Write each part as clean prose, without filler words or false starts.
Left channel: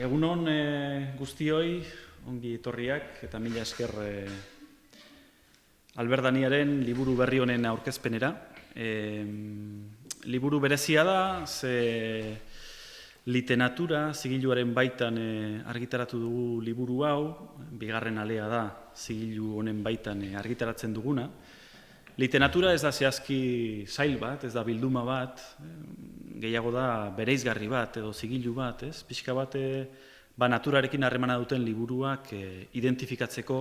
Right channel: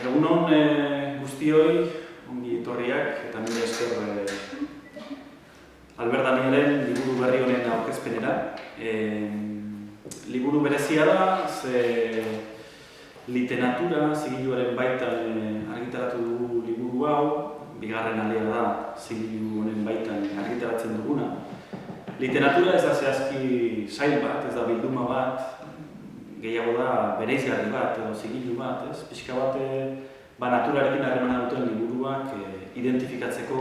Egunon guztioi, ongi etorriak eta mila esker Albert Daniaren liburu berri honen aurkezpenera. Liburu berezia da, ze literatura zigiluaren baitan argitaratu dugu liburu hau, bigarren alea da zigilu honen baitan argitaratzen duguna. Literatura ez da zehazki sail bat, ez da bilduma bat, gehiago da bereizgarri bat edo zigilu bat, ez? Pixka bat naturarekin harremana duten liburuak identifikatzeko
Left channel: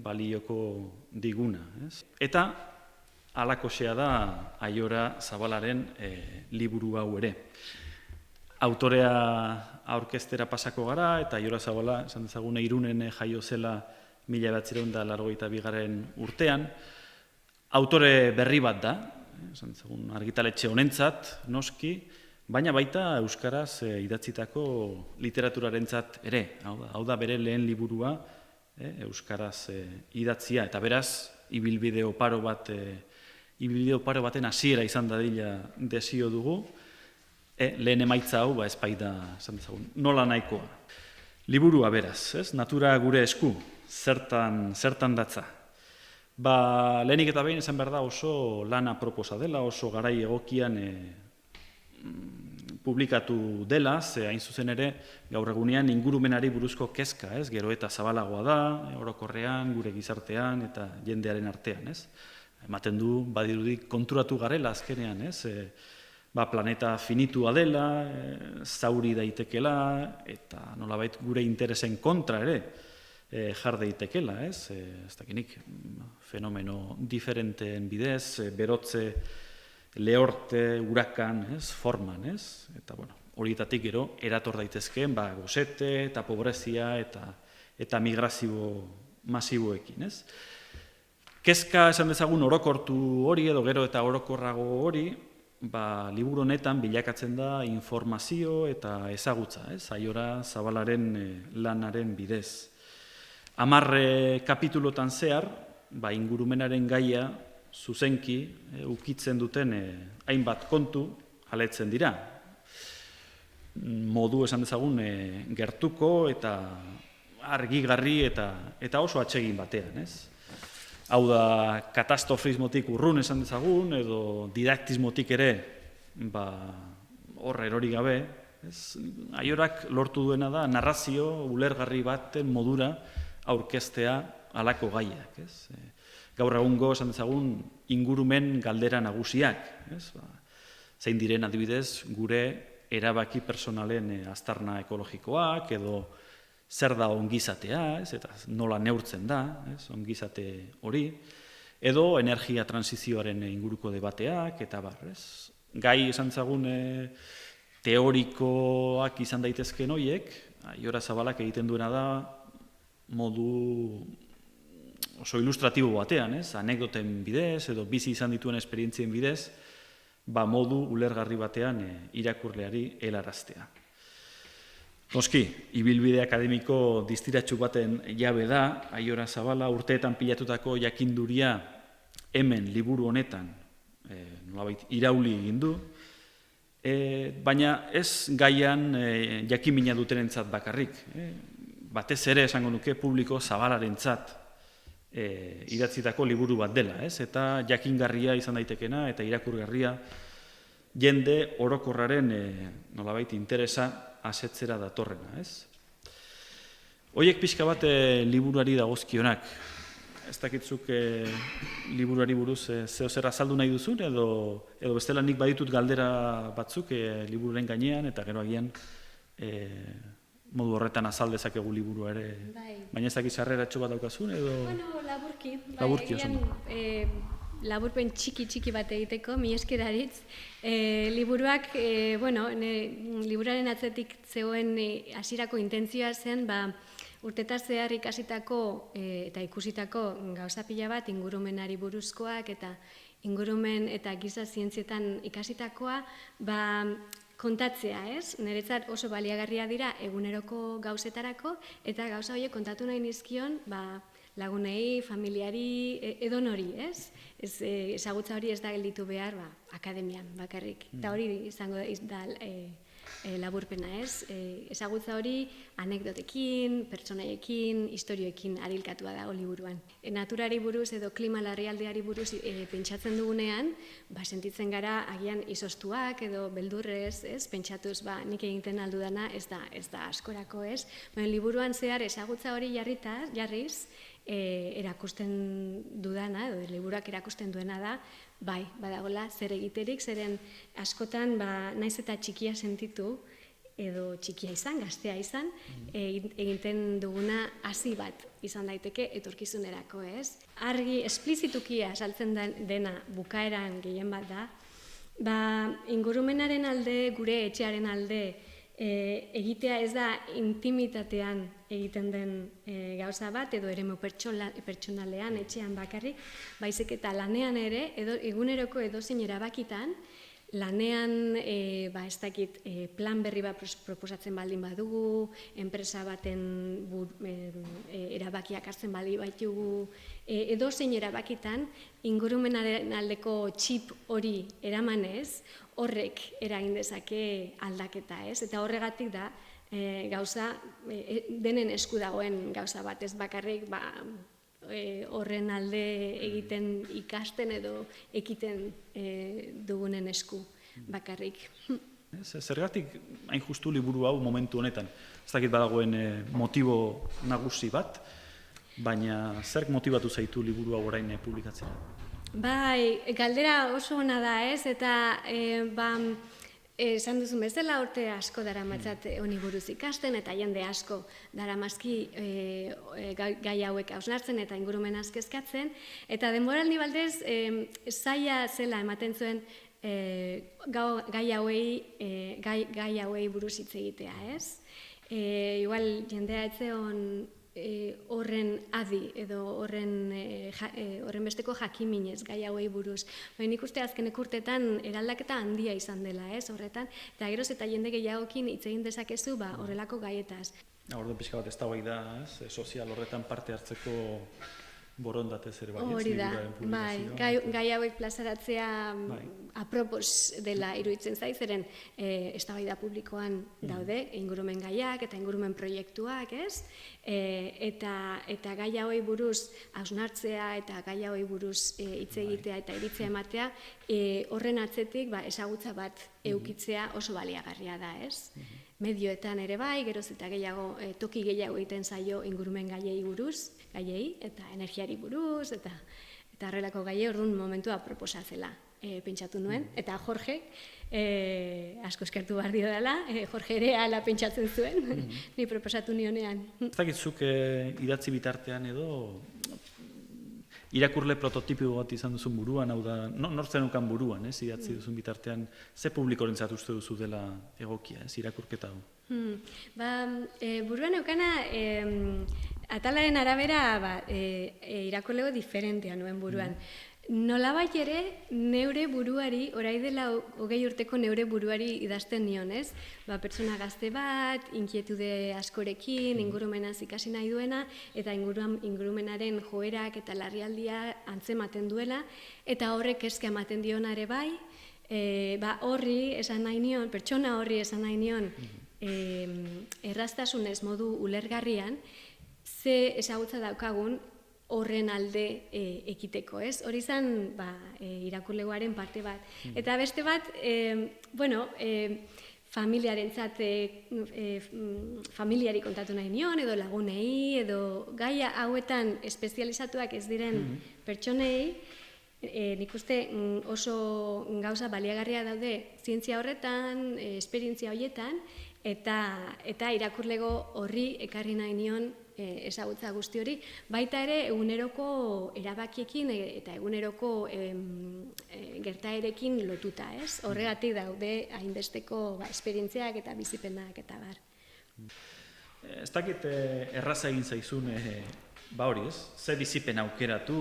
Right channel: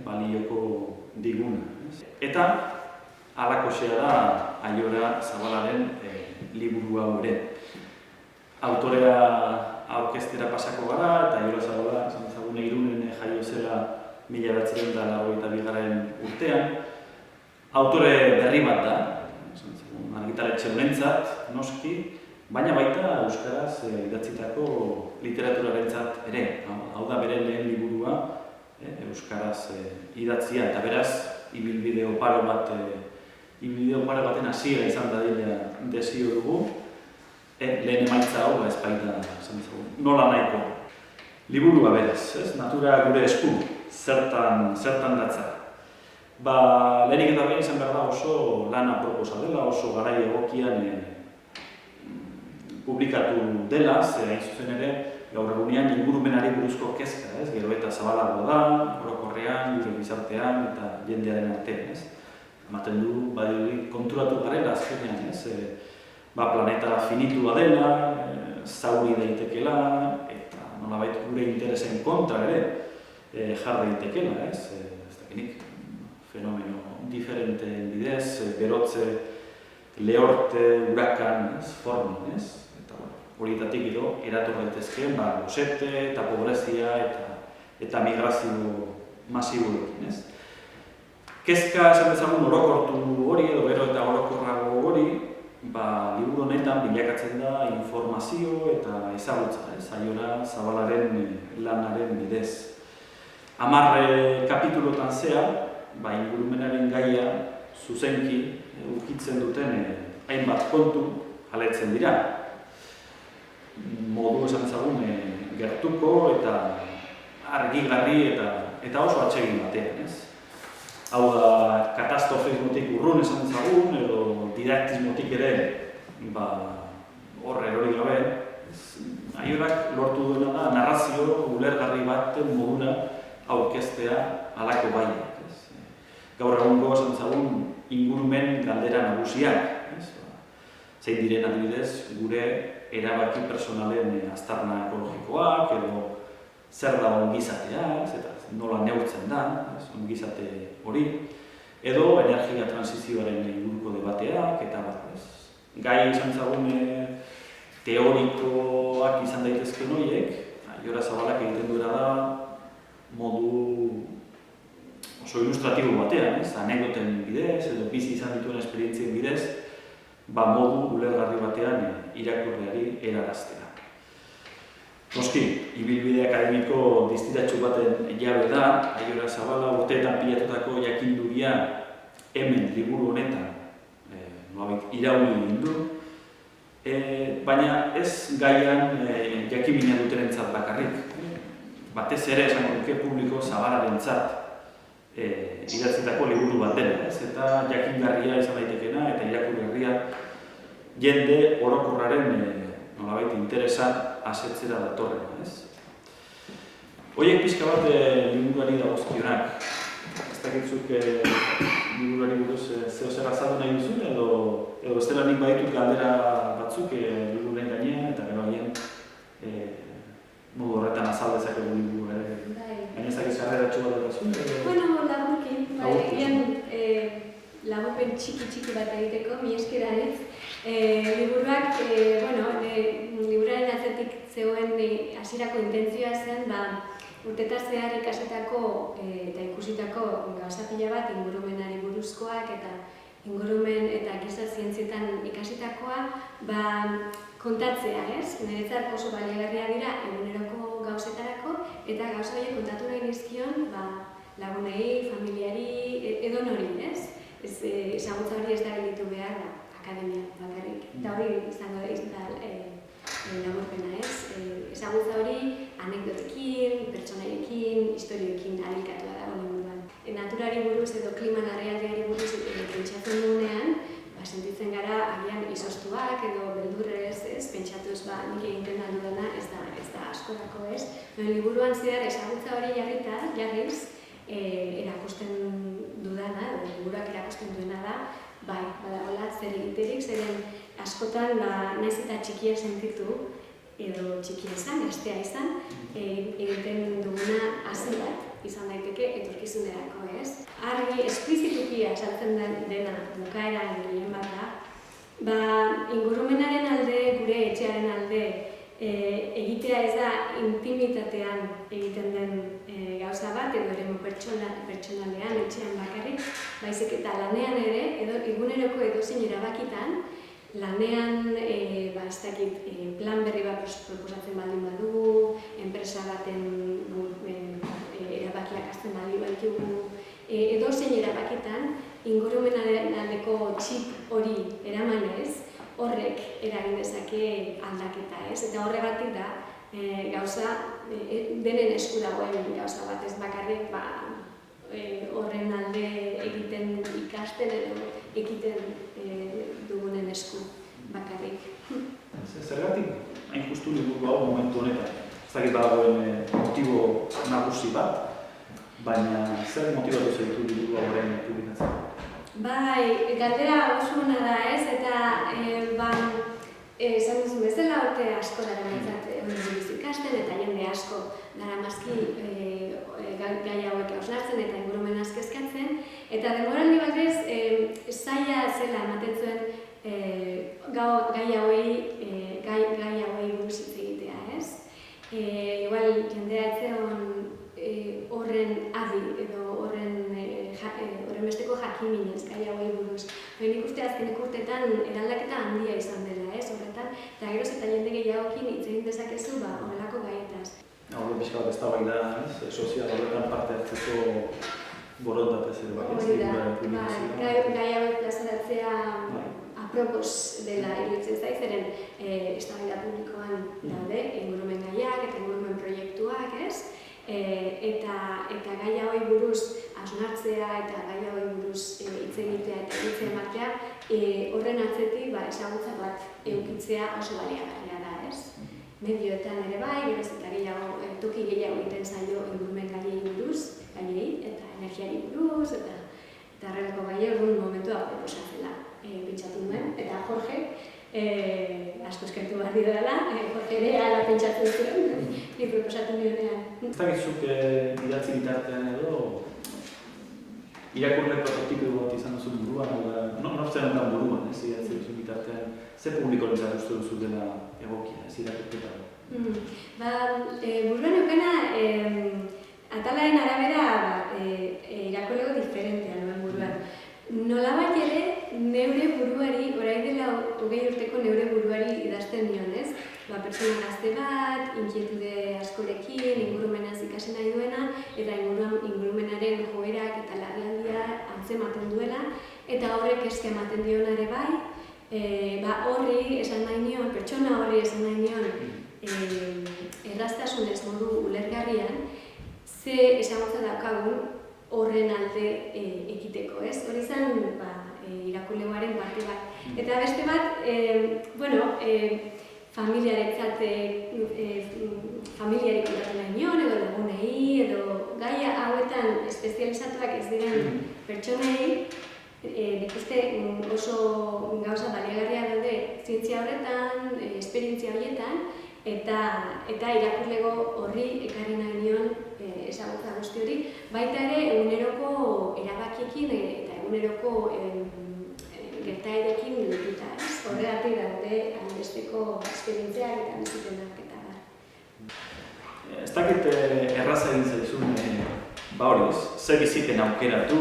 balioko diguna, ez? Eta halakoxea da Aiora Zabalaren liburu hau ere. Autorea aurkeztera pasako gara eta Aiora Zabala, esan ezagune, Irunen jaio zela 1982 urtean. Autore berri bat da, argitaletxe honentzat, noski, baina baita euskaraz idatzitako literaturaren ere. Hau da bere lehen liburua euskaraz idatzia, eta beraz, ibilbide oparo baten hasiera izan dadila desio dugu, lehen emaitza hau ez baita, nola nahiko. Liburua beraz, natura gure esku, zertan datza. Lehenik eta behin izan behar da oso lana proposa dela, oso garai egokian publikatu dela, ze hain zuzen ere, gaur egunean ingurumenari buruzko kezka, gero eta zabalagoa da, orokorrean, gure gizartean eta jendearen artean. Ematen du, badirudi konturatu garela azkenean, planeta finitua dela, zauri daitekela, eta nolabait gure interesen kontra ere jar daitekela, ez dakinik. Fenomeno diferenteen bidez, berotze, lehorte, hurakan, forman, eta horietatik gero erator daitezkeen gosete eta pobrezia eta migrazio masiboekin. Kezka esan bezagun orokortu hori edo gero eta orokorrago hori, liburu honetan bilakatzen da informazio eta ezagutza, Aiora Zabalaren lanaren bidez. 10 kapitulotan zehar, ingurumenaren gaia zuzenki ukitzen duten hainbat kontu aletzen dira. Modu esan dezagun gertuko eta argigarri eta oso atsegin batean. Hau da, katastrofismotik urrun esan dezagun edo didaktismotik ere hor erori gabe. Aiorak lortu duena da narrazio ulergarri baten modura aurkeztea halako gaiak. Gaur egungo esan dezagun ingurumen galdera nagusiak. Zein diren adibidez gure erabaki personalen aztarna ekologikoak edo zer da ongizatea, eta nola neurtzen da ongizate hori, edo energia transizioaren inguruko debateak, eta gai esan dezagun teorikoak izan daitezken horiek, Aiora Zabalak egiten duena da modu oso ilustratibo batean, anekdoten bidez edo bizi izan dituen esperientzien bidez, modu ulergarri batean irakurleari helaraztea. Noski, ibilbide akademiko distiratsu baten jabe da, Aiora Zabala urteetan pilatutako jakinduria hemen liburu honetan irauli egin du, baina ez gaian jakimina dutenentzat bakarrik. Batez ere esan duke publiko zabalarentzat idatzitako liburu bat dela, eta jakingarria izan daitekena eta irakurgarria jende orokorraren nolabait interesa asetzera datorrena. Horiek pixka bat liburuari dagozkionak. Ez dakitzuk liburuari buruz zeozer azaldu nahi duzun edo bestela nik baditut galdera batzuk libururen gainean eta gero haien modu horretan azal dezakegu liburua ere. Baina ez dakiz harreratxo bat dutazun? Bueno, laburpen txiki bat egiteko, mi eskeraritz. Liburuak, liburuaren atzetik zegoen hasierako intentzioa zen, urtetaz zehar ikasitako eta ikusitako gauza pila bat ingurumenari buruzkoak eta ingurumen eta giza zientzietan ikasitakoa kontatzea, Niretzat oso baliagarria dira eguneroko gauzetarako eta gauza horiek kontatu nahi nizkion lagunei, familiari, edonori, ezagutza hori ez da gelditu behar akademian bakarrik. Eta hori izango da laburpena, ez? Ezagutza hori anekdotekin, pertsonaiekin, istorioekin adilkatua dago liburuan. Naturari buruz edo klima larrialdiari buruz pentsatzen dugunean, sentitzen gara agian izoztuak edo beldurrez, ez? Pentsatuz, nik egiten aldudana ez da askorako, ez? Liburuan zehar ezagutza hori jarriz, erakusten dudana, edo liburuak erakusten duena da, badagoela zer egiterik, zeren askotan naiz eta txikia sentitu, edo txikia izan, gaztea izan, egiten duguna hasi bat izan daiteke etorkizunerako, ez? Argi, esplizituki azaltzen dena bukaeran gehien bat da, ingurumenaren alde, gure etxearen alde, egitea ez da intimitatean egiten den gauza bat, edo eremu pertsonalean, etxean bakarrik, baizik eta lanean ere, eguneroko edozein erabakitan, lanean, ez dakit, plan berri bat proposatzen baldin badugu, enpresa baten erabakiak hartzen baldin baitugu, edozein erabakitan, ingurumenaren aldeko txip hori eramanez, horrek eragin dezake aldaketa, ez? Eta horregatik da, gauza, denen esku dagoen gauza bat, ez bakarrik, horren alde egiten ikasten edo ekiten dugunen esku bakarrik. Zergatik hain justu liburu hau momentu honetan? Ez dakit dagoen motibo nagusi bat, baina zer motibatu zaitu liburu hau orain publikatzen? Galdera oso ona da, ez? Eta esan duzun bezala, urte asko daramatzat hori buruz ikasten eta jende asko daramazki gai hauek hausnartzen eta ingurumenaz kezkatzen. Eta denboraldi baldez, zaila zela ematen zuen gai hauei buruz hitz egitea, ez? Igual jendea etzeon horren adi edo horren besteko jakiminez gai hauei buruz. Nik uste azkeneko urteetan eraldaketa handia izan dela, ez, horretan, eta geroz eta jende gehiagokin hitz egin dezakezu horrelako gaietaz. Hori pixka bat eztabaida, sozial horretan parte hartzeko borondatez ere bai. Hori da, gai hauek plazaratzea apropos dela iruditzen zait, zeren eztabaida publikoan daude, ingurumen gaiak eta ingurumen proiektuak, ez? Eta gai hauei buruz hausnartzea eta gai hauei buruz hitz egitea eta iritzia ematea, horren atzetik ezagutza bat edukitzea oso baliagarria da, ez? Medioetan ere bai, geroz eta gehiago, toki gehiago egiten zaio ingurumen gaiei buruz, gaiei eta energiari buruz, eta horrelako gai orduan momentua proposatzela pentsatu nuen, eta Jorge asko eskertu behar dio dela, Jorge ere ala pentsatzen zuen, ni proposatu nionean. Ez dakitzuk idatzi bitartean edo irakurle prototipo bat izan duzu buruan, nortzen dukan buruan, idatzi duzu bitartean, ze publikorentzat uste duzu dela egokia, irakurketa hau? Buruan eukena, atalaren arabera irakurlego diferentea nuen buruan. Nolabait ere, neure buruari, orain dela 20 urteko neure buruari idazten nion, ez? Pertsona gazte bat, inkietude askorekin, ingurumenaz ikasi nahi duena, eta ingurumenaren joerak eta larrialdia antzematen duela, eta horrek kezka ematen diona ere bai, horri esan nahi nion, pertsona horri esan nahi nion, erraztasunez modu ulergarrian, ze ezagutza daukagun horren alde ekiteko, ez? Hori zen irakurlegoaren parte bat. Eta beste bat, familiari kontatu nahi nion, edo lagunei, edo gaia hauetan espezializatuak ez diren pertsonei, nik uste oso gauza baliagarria daude zientzia horretan, esperientzia horietan, eta irakurlego horri ekarri nahi nion ezagutza guzti hori, baita ere eguneroko erabakiekin eta eguneroko gertaerekin lotuta, ez? Horregatik daude hainbesteko esperientziak eta bizipenak eta bar. Ez dakit erraza egin zaizun, ze bizipen aukeratu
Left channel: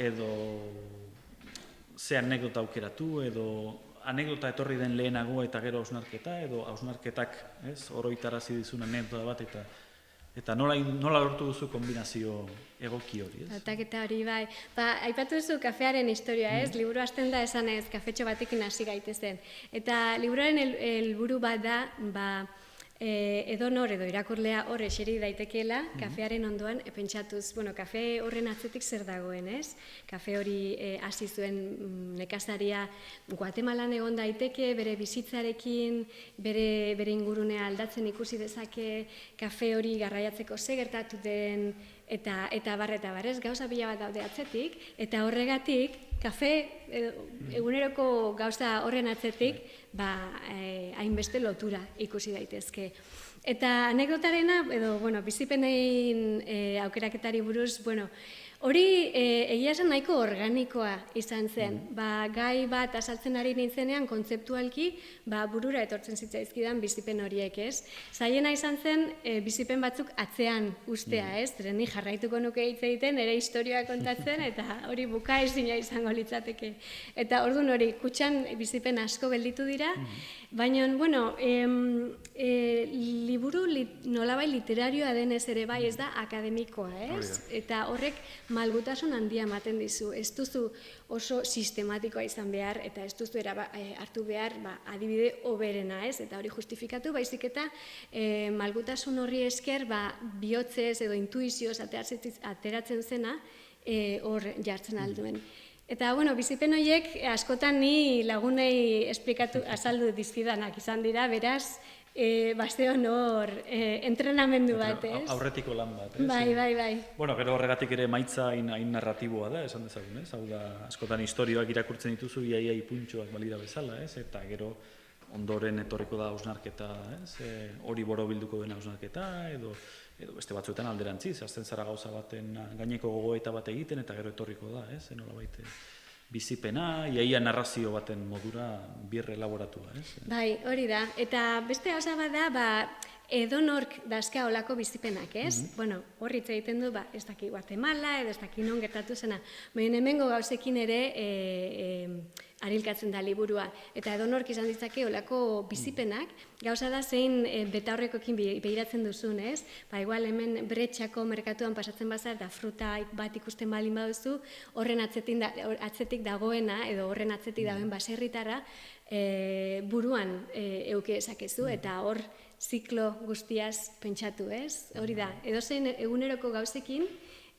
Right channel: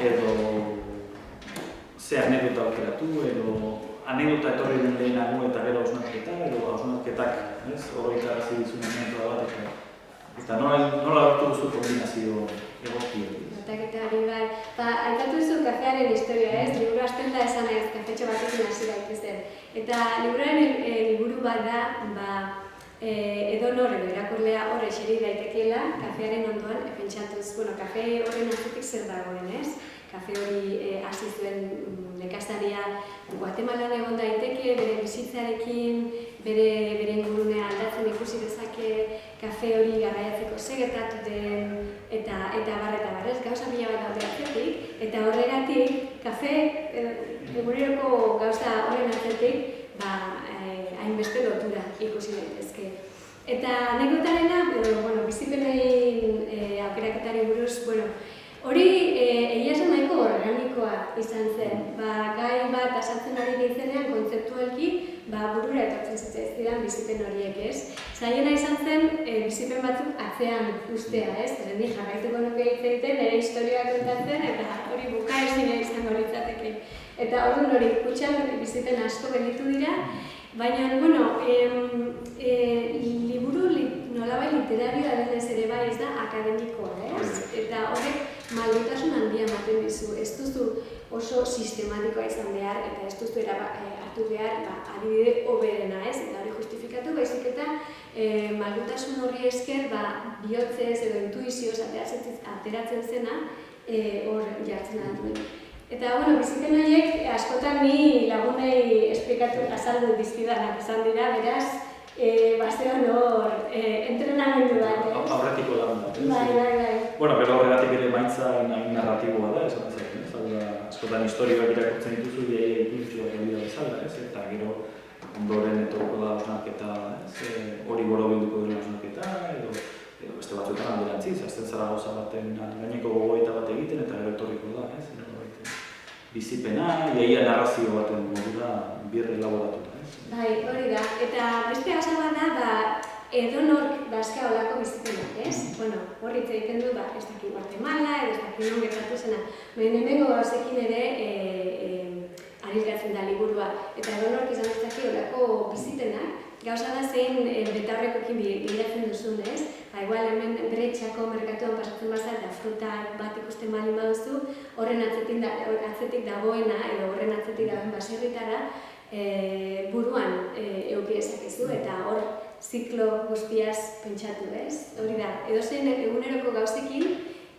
edo ze anekdota aukeratu edo anekdota etorri den lehenago eta gero hausnarketa edo hausnarketak oroitarazi dizun anekdota bat eta Eta nola lortu duzu kombinazio egoki hori? Aldaketa hori bai. Aipatu duzu kafearen historia, ez? Liburu hasten da esanez kafetxo batekin hasi gaitezen. Eta liburuaren helburu bat da, edonor edo irakurlea hor eseri daitekeela kafearen ondoan pentsatuz, kafe horren atzetik zer dagoen, ez? Kafe hori hasi zuen nekazaria Guatemalan egon daiteke, bere bizitzarekin, bere ingurunea aldatzen ikusi dezake, kafe hori garraiatzeko zer gertatu den, eta barrez, gauza pila bat daude atzetik, eta horregatik, kafe eguneroko gauza horren atzetik, hainbeste lotura ikusi daitezke. Eta anekdotarena, bizipenei aukeraketari buruz, hori egia esan nahiko organikoa izan zen. Gai bat azaltzen ari nintzenean kontzeptualki burura etortzen zitzaizkidan bizipen horiek, ez? Zailena izan zen bizipen batzuk atzean ustea, ez? Ni jarraituko nuke hitz egiten, nire historia kontatzen, eta hori bukaezina izango litzateke. Eta orduan hori, kutxan bizipen asko gelditu dira, baina, liburu nolabai literarioa denez ere bai ez da akademikoa, ez? Eta horrek malgutasun handia ematen dizu. Ez duzu oso sistematikoa izan behar, eta ez duzu hartu behar adibide hoberena, ez? Eta hori justifikatu, baizik eta malgutasun horri esker bihotzez edo intuizioz ateratzen zena hor jartzen alduen. Eta, bizipen horiek askotan ni lagunei azaldu dizkidanak izan dira, beraz, bastean hor entrenamendu bat, ez? Aurretiko lan bat, ez? Bai. Pero horregatik ere maitza hain narratiboa da, esan bezala, ez? Hau da, askotan historioak irakurtzen dituzu, iai puntxoa galida bezala, ez? Eta gero, ondoren etorriko da hausnarketa, ez? Hori borobilduko den hausnarketa, edo beste batzuetan alderantziz, hasten zara gauza baten gaineko gogoeta bat egiten, eta gero etorriko da, ez? Bizipena, iaia narrazio baten modura birre elaboratu da, ez? Bai, hori da. Eta beste gauza bat da, edonork dazka olako bizipenak, ez? Horri hitz egiten du, ez daki Guatemala, ez daki non gertatu zena. Baina hemengo gauzekin ere arilkatzen da liburua. Eta edonork izan ditzake olako bizipenak, gauza da zein betaurrekoekin bilatzen duzun, ez? Igual hemen Bretxako merkatuan pasatzen baza eta fruta bat ikusten baldin baduzu, horren atzetik dagoena edo horren atzetik dagoen baserritara buruan eduki dezakezu eta hor ziklo guztiaz pentsatu, ez? Hori da, edozein eguneroko gauzekin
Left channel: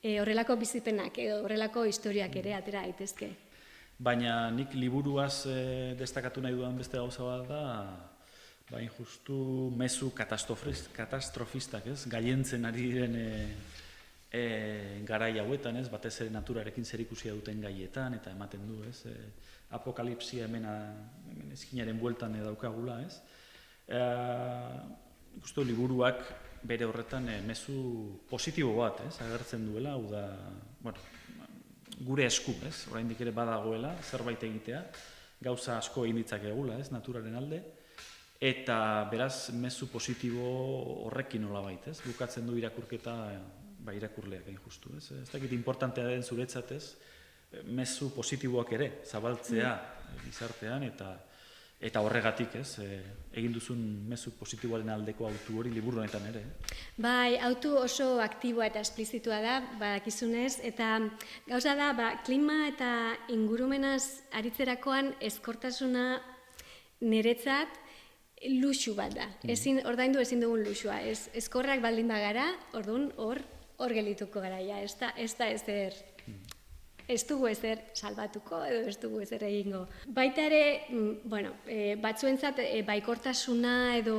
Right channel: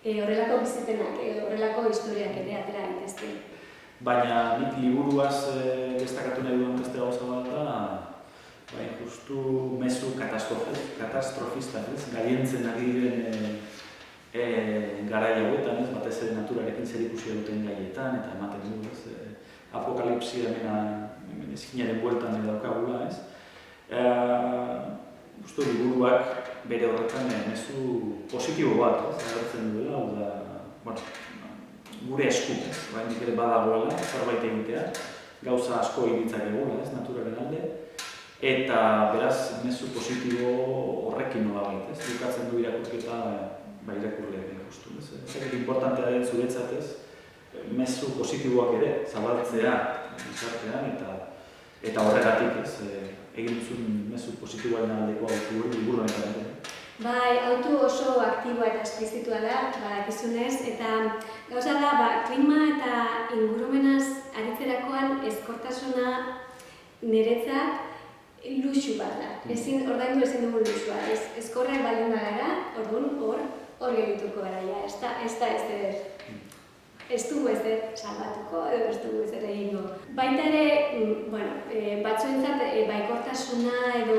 horrelako bizipenak edo horrelako historiak ere atera daitezke. Baina nik liburuaz destakatu nahi duan beste gauza bat da, justu mezu katastrofistak, ez? Gaientzen ari diren garai hauetan, ez? Batez ere naturarekin zerikusia duten gaietan, eta ematen du, ez? Apokalipsia hemen eskinaren bueltan daukagula, ez? Uste liburuak bere horretan mezu positibo bat, ez? Agertzen duela, hau da, gure esku, ez? Oraindik ere badagoela, zerbait egitea, gauza asko egin ditzakegula, ez? Naturaren alde. Eta beraz, mezu positibo horrekin nolabait, ez? Bukatzen du irakurketa irakurle justu, ez? Ez importantea den zuretzat, ez? Mezu positiboak ere zabaltzea gizartean eta horregatik, ez? Egin duzun mezu positiboaren aldekoa liburu honetan ere. Bai, autu oso aktiboa eta esplizitua da, badakizunez, eta gauza da, klima eta ingurumenaz aritzerakoan ezkortasuna niretzat luxu bat da. Ordaindu ezin dugun luxua, ezkorrak baldin bagara, orduan hor gelituko gara, ez da ezer. Ez dugu ezer salbatuko edo ez dugu ezer egingo. Baita ere, batzuentzat baikortasuna edo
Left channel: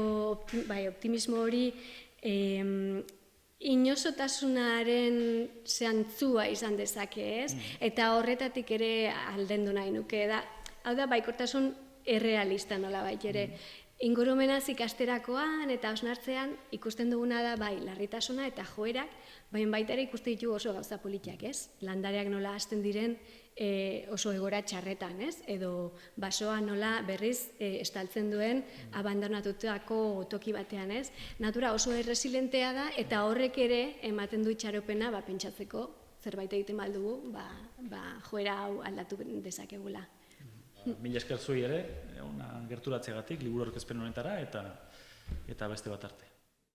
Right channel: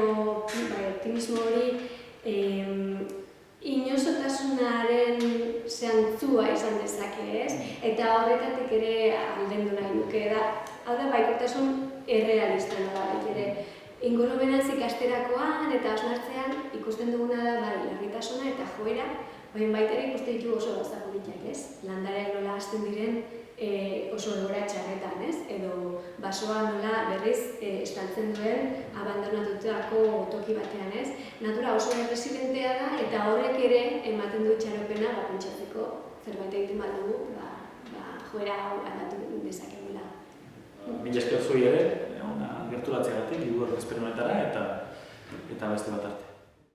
optimismo hori inozotasunaren zantzua izan dezake, ez? Eta horretatik ere aldendu nahi nuke da. Hau da, baikortasun errealista nolabait ere. Ingurumenaz ikasterakoan eta hausnartzean ikusten duguna da larritasuna eta joera, baina baita ere ikusten ditugu oso gauza politiak, ez? Landareak nola hasten diren oso egoera txarretan, ez? Edo basoa nola berriz estaltzen duen abandonatutako toki batean, ez? Natura oso erresilentea da eta horrek ere ematen du itxaropena pentsatzeko zerbait egiten baldugu, joera hau aldatu dezakegula. Mila esker zuri ere, gerturatzeagatik, liburu aurkezpen honetara eta beste bat arte.